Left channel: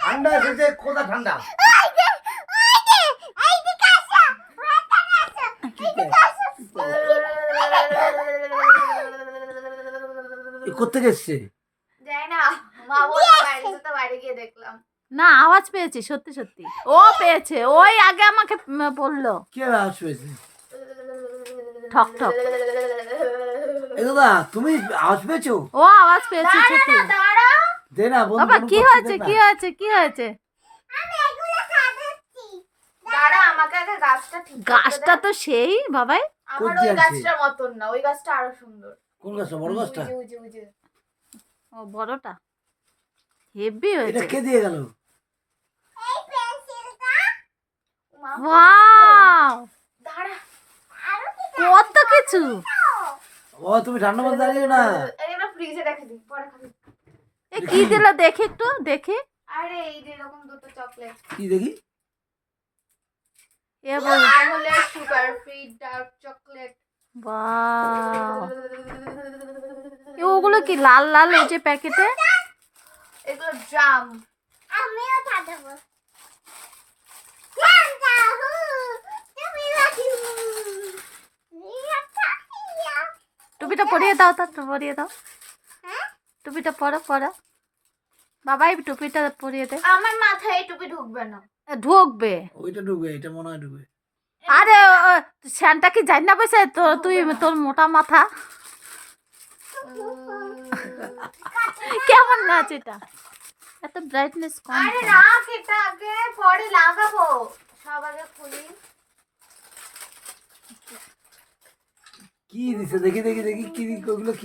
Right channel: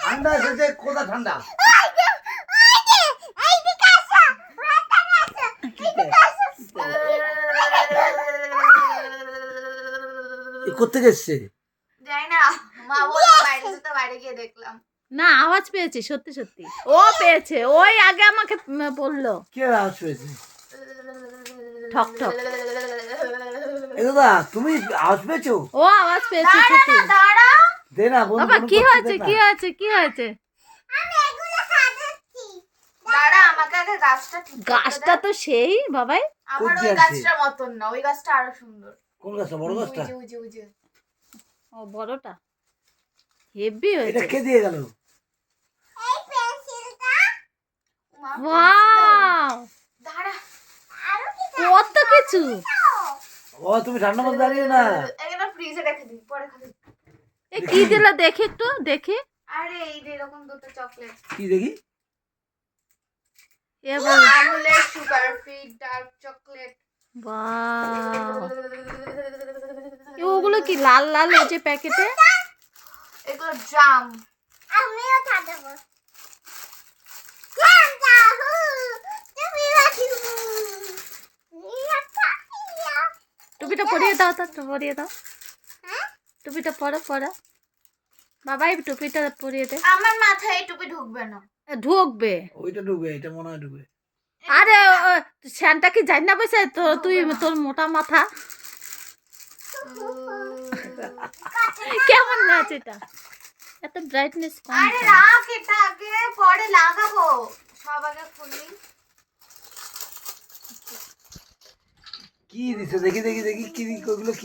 ঠান্ডা এসেছে, কোথা ঠান্ডা? কোথেকে এসছে? যাই না, মা বললো বাইরে যেতে, বাইরে গিয়ে দেখলাম। না, আওয়াজ পেয়েছি সত্যি সত্যি। ও পেয়েছে, ওই আগে আমাকে বললো। কে আওয়াজ পেয়েছে? ঠক ঠক। দাদা তুমি আওয়াজ পেয়েছো? ও আওয়াজ পেয়েছে সত্যি। দাঁড়া দে না বন্ধু। বাবা কি হয়েছে, কি হয়েছে, কি হয়েছে? দাঁড়া, আমাকে আগে গাছটা ঠিক করতে দে। গাছটা তো সেই বাবাই। আমার কোন ওই গাছ? গাছটার মতন না, ওই গাছটা আরো সুন্দর। কোন গাছটা? বড় গাছটা? ওই যে। ও বড়টা হেভি হয়েছে। এটা কে দিয়ে গেল? মা, ওয়াও, দাঁড়া, কত কিছু। ও তুমি ঠান্ডা মধ্যে দাঁড়িয়ে না। এগুলো ফ্রিজে রেখে দিই, পরে খাবি। এ কি দিল দেখি একটু, দেখি। আরে এই যে এরকম দুটো চকলেট, কি দেখি? এবার আমুলের সুগার ফ্রি ডার্ক চকলেট। বাহ, ওগুলো কি লাল লাল ওই যে প্যাকেটে? এগুলো জাম। আমিও খাবো। টুপিটা পরিয়ে দাও, তো পরিয়ে দাও। টুপিটা পরো পরো। বাবা এই টুপিটা পরিয়ে দে। আমার মাথায় এই টুপি ঢুকবে না। ঢুকবে। ওইটা ঢুকবে, এটা মনে হয় ঢুকবে। আরে শ্যানটা কি জানি না বসে তুই, তোর মোটা মাথা কেমন নাচ এটা? এত ব্রাইটনেস কম। আরে রাখ, এটা আগে পরে লাগাবো। সব আগে খুলি। কি দিছে দেখি দেখি দেখি, কি ওগুলো কি?